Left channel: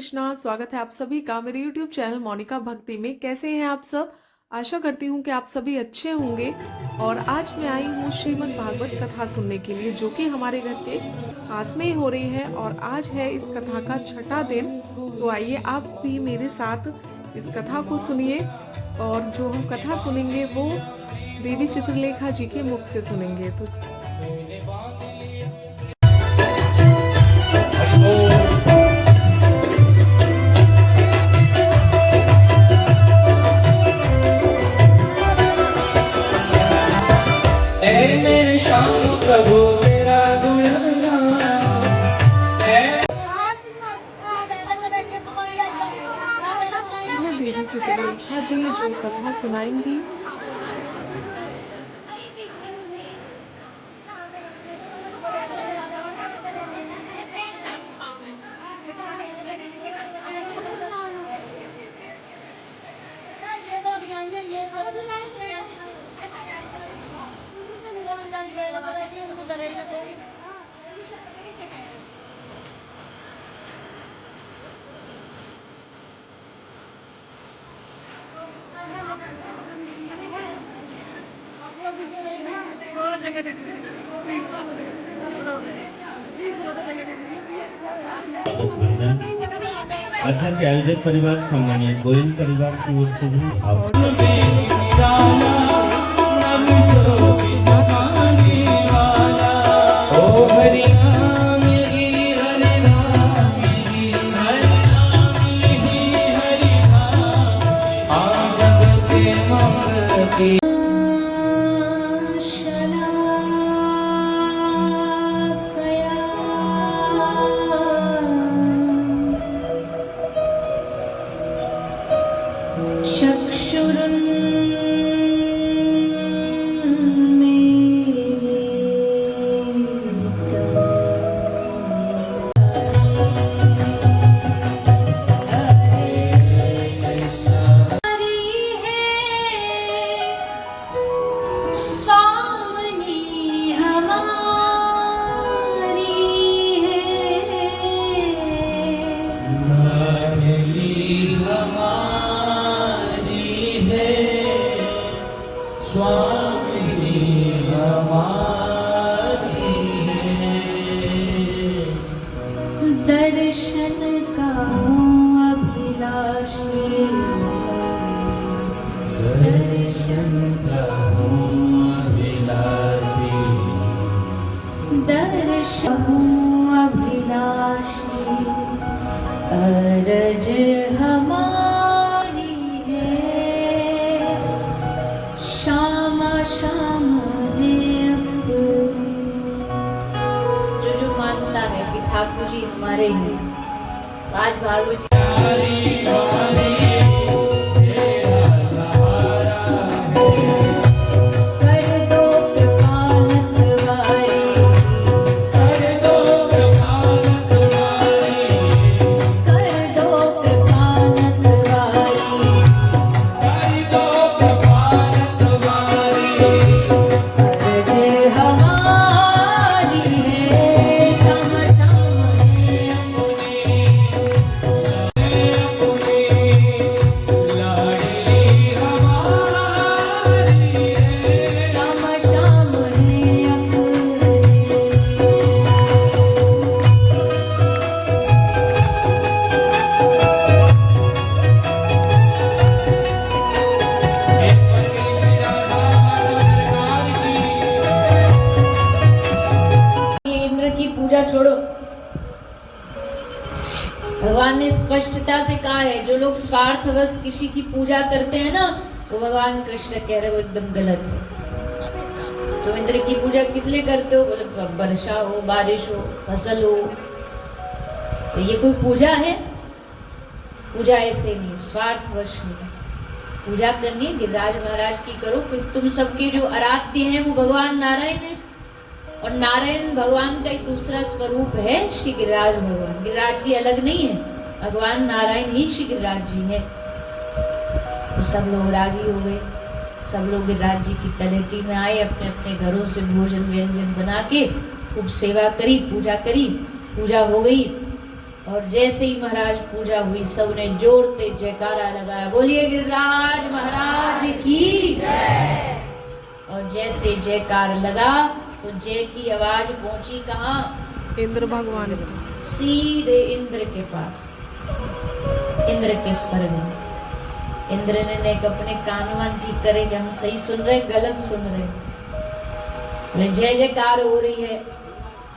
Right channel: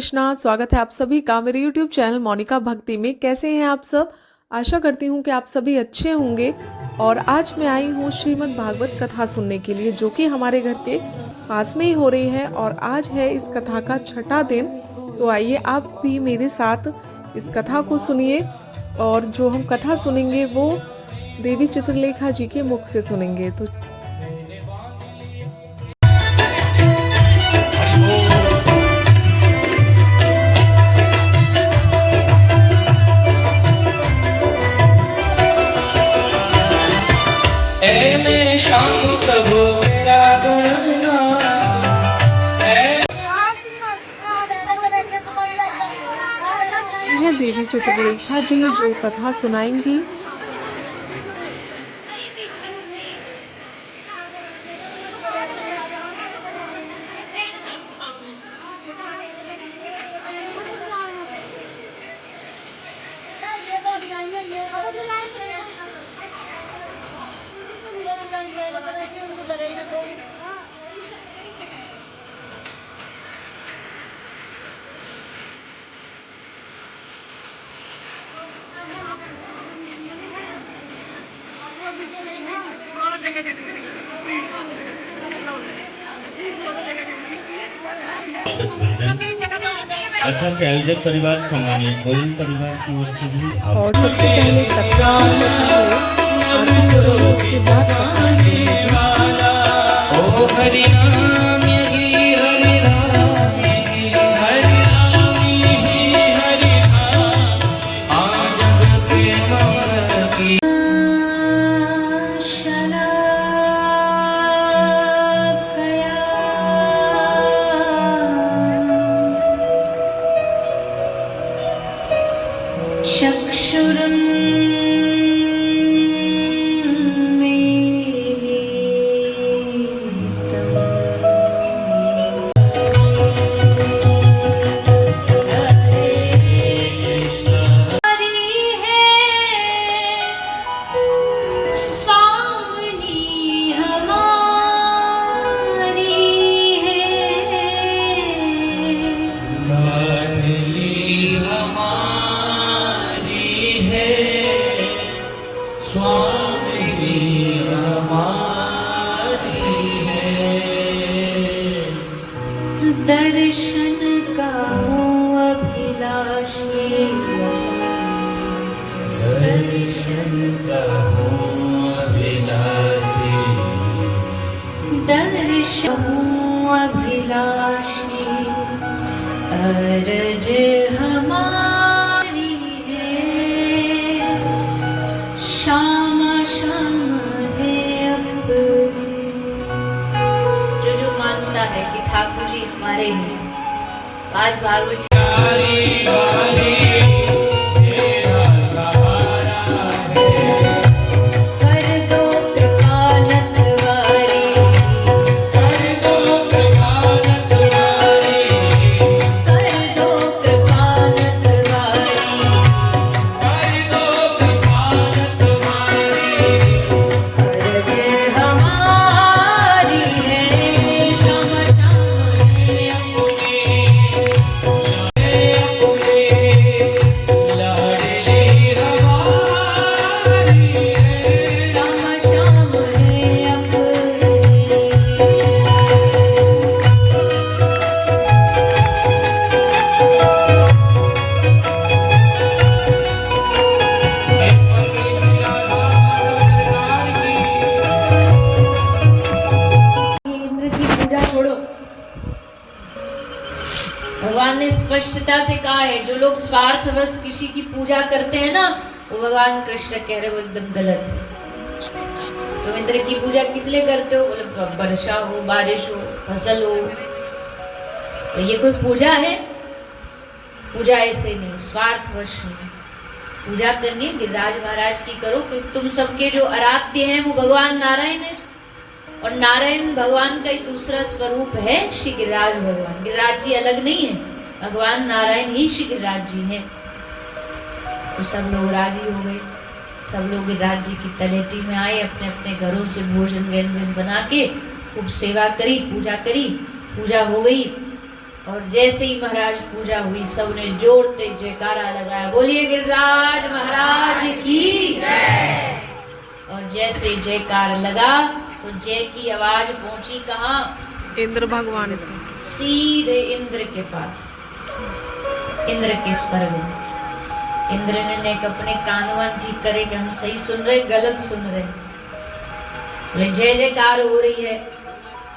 कृष्णा। स्वागत है आप सभी का मेरे YouTube चैनल मोनिका भक्ति में। कैसे हैं आप सब? आशा करती हूँ कि आप सभी अच्छे होंगे। और आज मैं आई हूँ श्रीमद् भागवत कथा सुनने के लिए, जो कि हमारे घर के पास में ही हो रही है। और आज है इस कथा का छठा दिन। तो आइए आप भी मेरे साथ इस कथा को सुनिए। और जो हम कथा सुनेंगे वो देवी चित्रलेखा जी के मुख से सुनेंगे। तो प्रभु तेरा यह देवी चित्रलेखा जी जो कथा सुनाएंगी। कथा के आयोजक परिवार सम्मानित गोयल परिवार की ओर से भी और सबसे पहले कथा ओ हरि नाम यही हरि नाम यही हरि नाम यही हरि नाम आज जग के मंगल की दर्शन का हूँ अभिलाषी, दर्शन का हूँ अभिलाषी, दर्शन हूँ अभिलाषी, अरज हमारी है, श्याम श्याम है अपनी। जो मानता है कि ठाकुर जी हमारे हैं, आज भागवत भगवान ने स्पष्टता से कहा है, जो लोग स्वार्थवश किसी की पूजा करते हैं ना, वो भगवान कृष्ण कह रहे वो एकदम गलत है। तो इंद्र की पूजा किस लिए करते हो? बोले वर्षा हो, बारिश हो, फसल हो। तो ये कोई पूजा है? पूजा ऐसे नहीं, स्वार्थवश नहीं। पूजा करनी गिरिराज महाराज की करो, क्योंकि तुम सबके जो आराध्य हैं वो भगवान नारायण है। और नारायण भगवान का एक दूसरा स्वरूप है श्री गिरिराज भगवान। गिरिराज जी अलग नहीं है, भगवान नारायण ही श्री गिरिराज जी हैं। तो सब लोग राजी हो गए, सब लोग गिरिराज जी की तलेटी में आए, अपने अपने घरों से भोजन व्यंजन बना के खूब सेवा करी, पूजा करी। पूजा हो गई और जैसे ही महाराज पूजा हुई सबने जोरते जयकारा लगाया, बोलिए गिरिराज महाराज की जय। और जैसे जयकार लगा तो जय की आवाज पहुंची कहाँ? इंद्र भगवान को। सीधे इंद्र के पास, इंद्र के स्वर्ग में। इंद्र ने अपने कानवन ठीक करे कि हम सही सुन रहे गलत सुन रहे। जय जयकार हो रही है।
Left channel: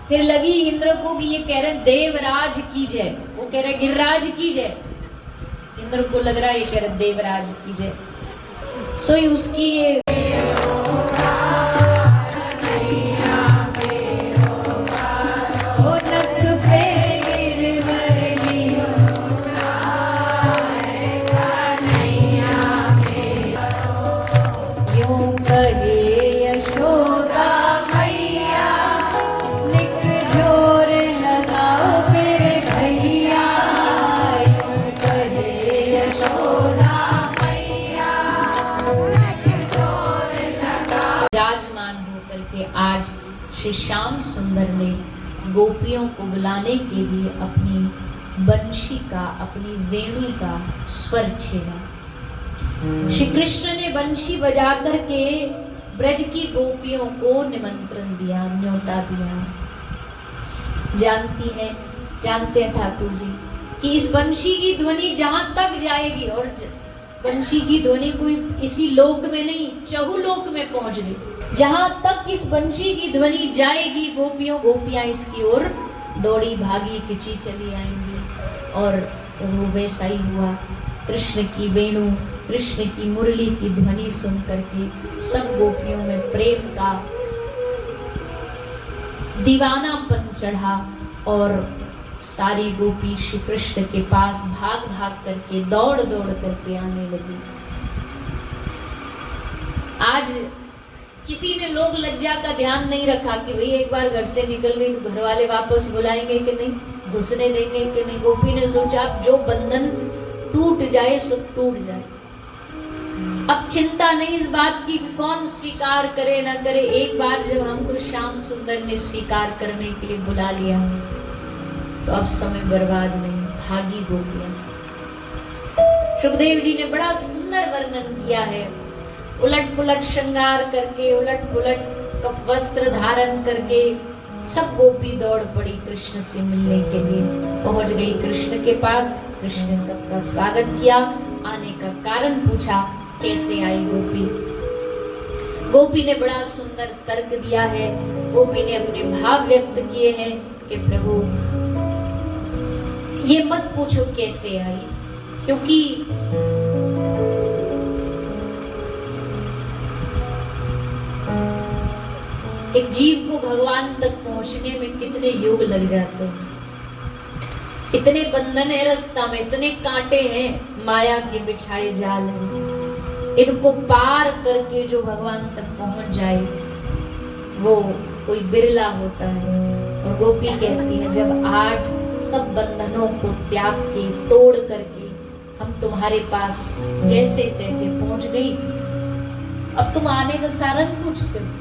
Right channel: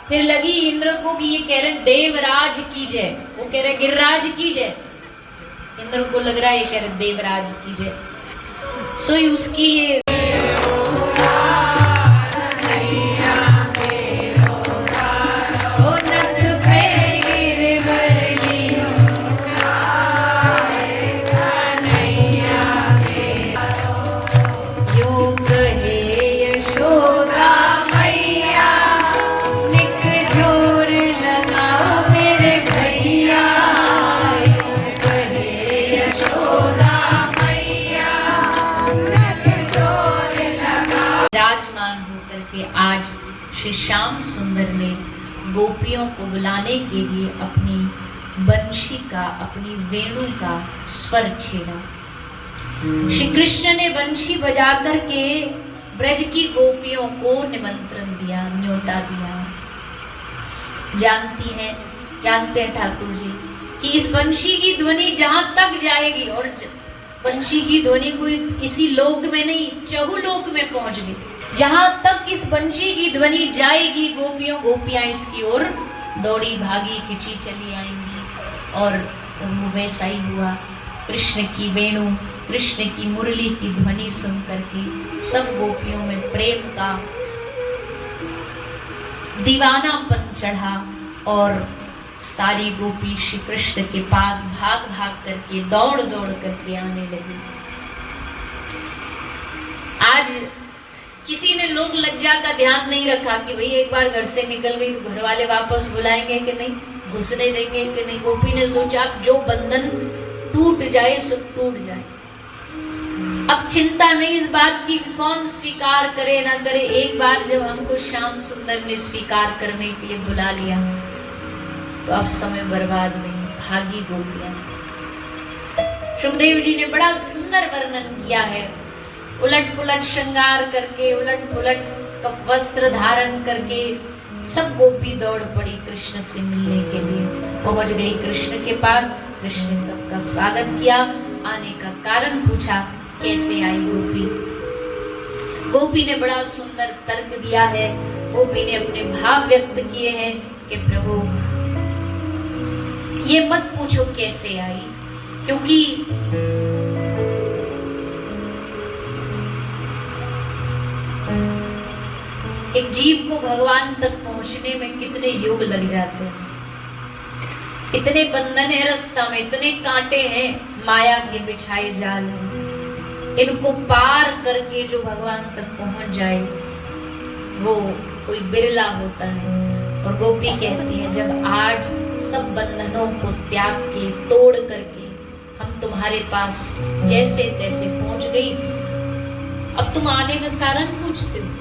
फिर लगी इंद्र को कि ये कह रहे देवराज की जय, वो कह रहे गिरिराज की जय। इंद्र को लग रहा है ये कह रहे देवराज की जय। सो उसकी ये आज श्री श्याम सुंदर ने गोपियों को बुलाने के लिए अपनी बंशी का, अपनी वेणु का स्वर छेड़ा। श्री कृष्ण ने बंशी बजा करके ब्रज की गोपियों को निमंत्रण दिया, न्योता दिया। जानते हैं ठाकुर जी कि इस बंशी की ध्वनि जहां तक जाएगी, और बंशी की ध्वनि कोई इसी लोक में नहीं, चहुलोक में पहुंच गई। जहां तक इस बंशी की ध्वनि जाएगी, गोपियां इसकी ओर दौड़ी भागी खिंची चली आएंगी। और वो वैसा ही हुआ। कृष्ण की वेणु, कृष्ण की मुरली की ध्वनि सुन करके सब गोपियों में प्रेम का दीवानापन चढ़ा और सारी गोपी श्री कृष्ण के पास भाग भाग करके, दौड़ दौड़ करके आने लगी। आज किसी ने लोग लज्जा का ध्यान नहीं रखा कि भाई एक बार घर से निकल गई तो घर वाले वापस बुलाएंगे कि नहीं, घुसने देंगे कि नहीं। गोपी ने सोचा जो बंधन टूट जाए सो टूट जाए। अब चिंता नहीं इस बात की कौन स्वीकार करे ना करे। एक बार जब हमको श्याम सुंदर ने स्वीकार करने के लिए बुला लिया तो अब समय बर्बाद नहीं, भागी गोपियां। सुखदेव जी ने बड़ा सुंदर वर्णन किया है। उलट पुलट श्रृंगार करके, उलट पुलट वस्त्र धारण करके सब गोपी दौड़ पड़ी कृष्ण से मिलने के लिए। पहुंच गई कृष्ण के पास। कृष्ण ने सबका स्वागत किया, आने का कारण पूछा, कैसे आई गोपी। गोपी ने बड़ा सुंदर तर्क दिया है। गोपी ने अपने भाव व्यक्त किए हैं कि प्रभु ये मत पूछो कैसे आई, क्योंकि एक जीव को भगवान तक पहुंचने में कितने युग लग जाते हैं। इतने बंधन है रास्ता में, इतने कांटे हैं, माया के बिछाए जाल हैं। इनको पार करके जो भगवान तक पहुंच जाए वो कोई बिरला होता है। और गोपी कहती है जब आज सब बंधनों को त्याग के, तोड़ करके हम तुम्हारे पास जैसे तैसे पहुंच गई, अब तुम आने का कारण पूछते हो,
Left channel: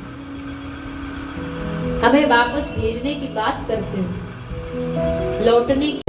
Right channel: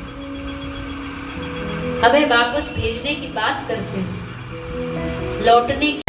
हमें वापस भेजने की बात करते हो, लौटने की।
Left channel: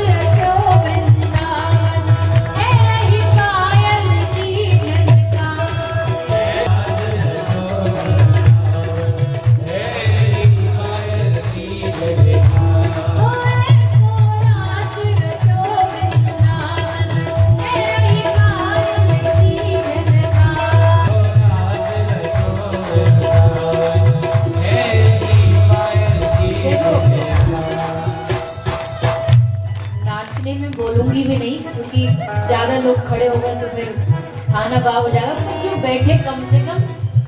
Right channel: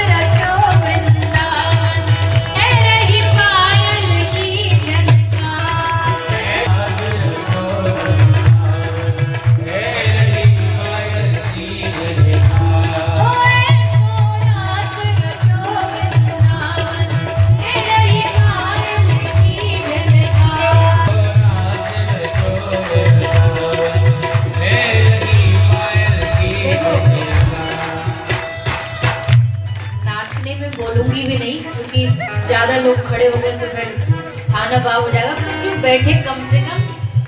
बोलूंगी भी नहीं क्योंकि ज्यादा लोग खड़े हो गए तो फिर स्थान अभाव हो जाएगा। जो बैठे कम से कम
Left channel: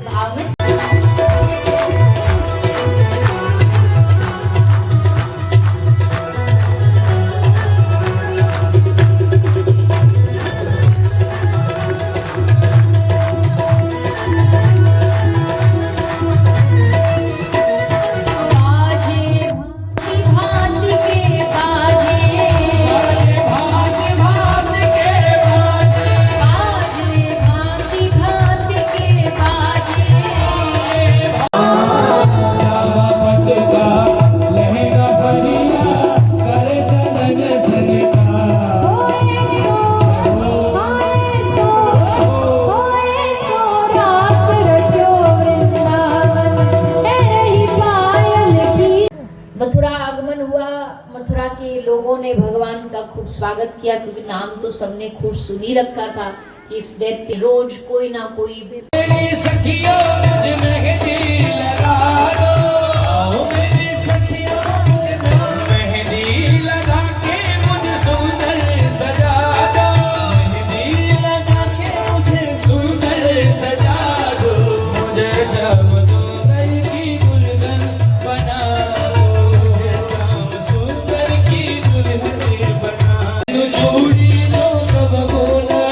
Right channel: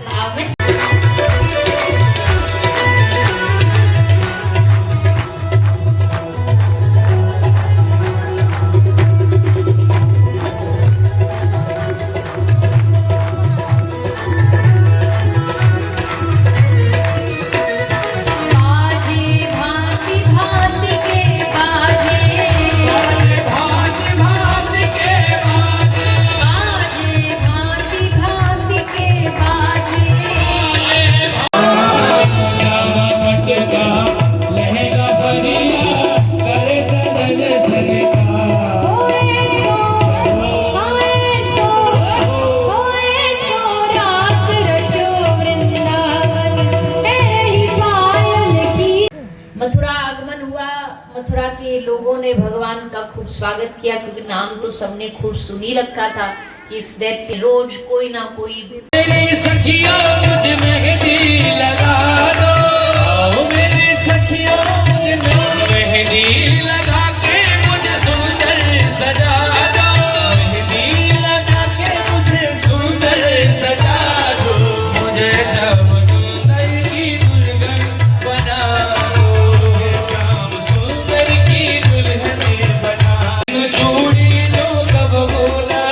भाव में। लोगों ने भगवान का खूब स्वागत किया, क्योंकि नाम तो सबने खूब सुनी रखा था कि इस दैत्य रोज कोई ना कोई मेरी सखियों मुझे मेहंदी लगा दो, आओ मेरी सखियों मुझे मेहंदी लगा के मुझे सुंदर सजा दो, मेहंदी लगा के मुझे सुंदर सजा दो, मुझे श्याम सुंदर की दुल्हन बना दो, श्याम सुंदर की दुल्हन बना दो, चूड़ी लो कब बोला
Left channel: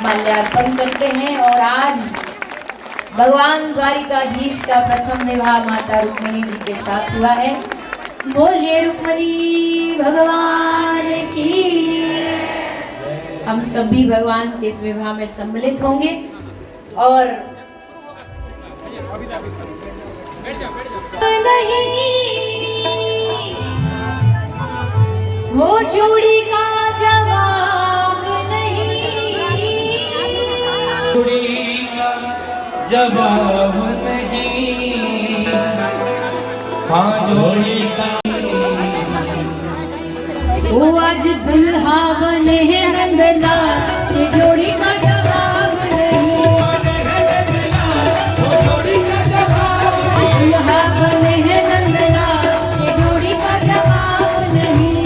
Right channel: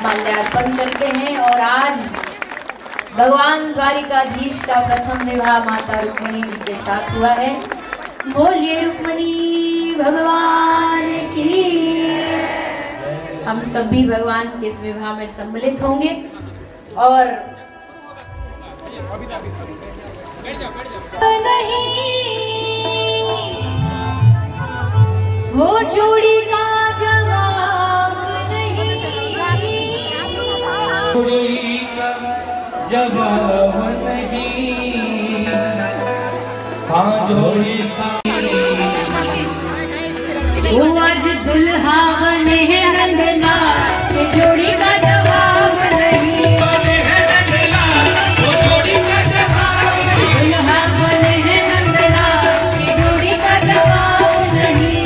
माल्यार्पण करते हैं। और आज भगवान द्वारिकाधीश का प्रथम विवाह माता रुक्मिणी जी के साथ हुआ है। बोलिए रुक्मिणी भगवान की। हम सभी भगवान के इस विवाह में सम्मिलित होंगे और नहीं हो जोड़ी का जवाब जोड़ी का जवाब नहीं, हाँ जोड़ी का वो आज दुल्हा बने हैं नंदला, ये जोड़ी का जवाब नहीं, वो जोड़ी का जवाब दुल्हा बने हैं नंदला, ये जोड़ी का जवाब नहीं,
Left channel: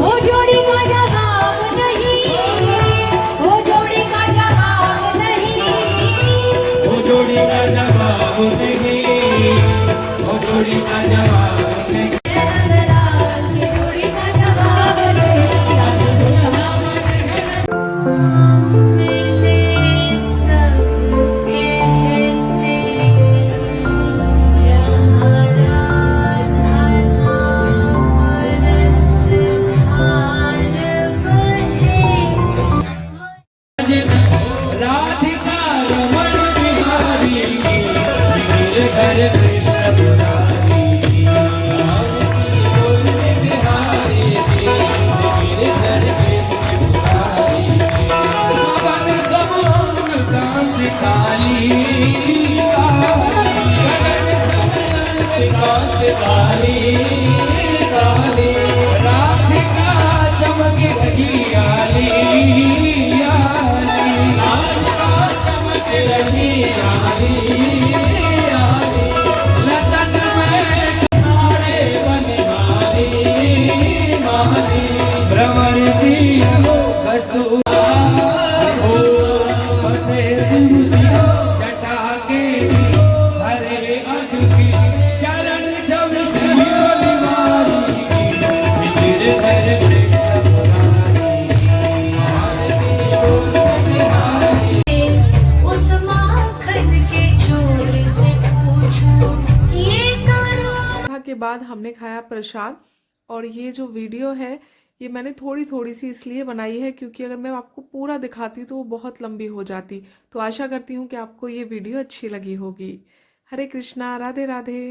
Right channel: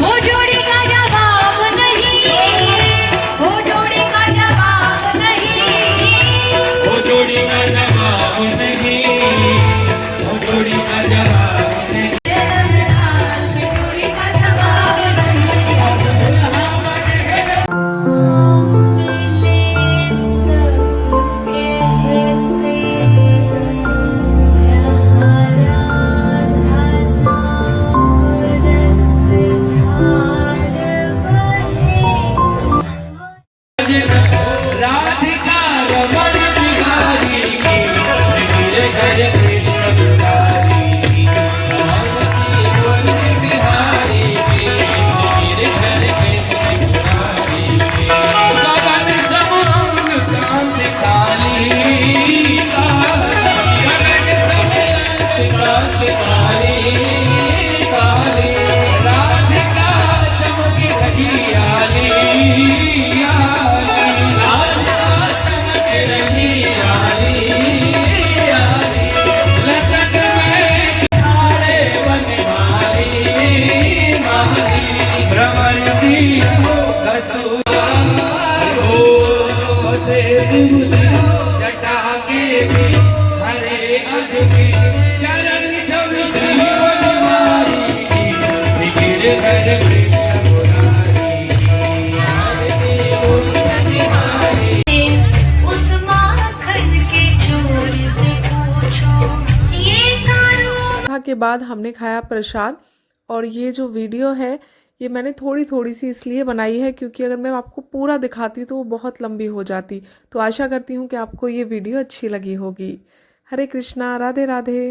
वो जोड़ी का जवाब नहीं, वो जोड़ी का जवाब नहीं, वो जोड़ी का जवाब नहीं, वो जोड़ी का जवाब नहीं। ये जोड़ी का जवाब नहीं। सब कहते जहाँ राधा नाम रस धार बहे। राधिका रमण बिहारी की, गिर घर कृष्ण बिहारी की, बिहारी की, गिर घर कृष्ण बिहारी की, पवन सब अंग कांत काली, पवन सब अंग कांत काली, काली, राधिका चमक रही आली, जटा के भी हरे अधिकी चरण छवि श्री हनुमारी की, गिरधर कृष्ण मुरारी। उस माखन के चोर से पूछो ये करो। कथा के बाद हमने खाया प्रसाद। और ये जो वीडियो है ये मैंने थोड़ी थोड़ी सी इसलिए बनाई है क्योंकि अगर मैं आपको पूरा दिखाती तो वो बहुत लंबी हो जाती। तो आशा करती हूँ कि आपको ये वीडियो अच्छी लगी होगी। हरे कृष्णा, राधे राधे।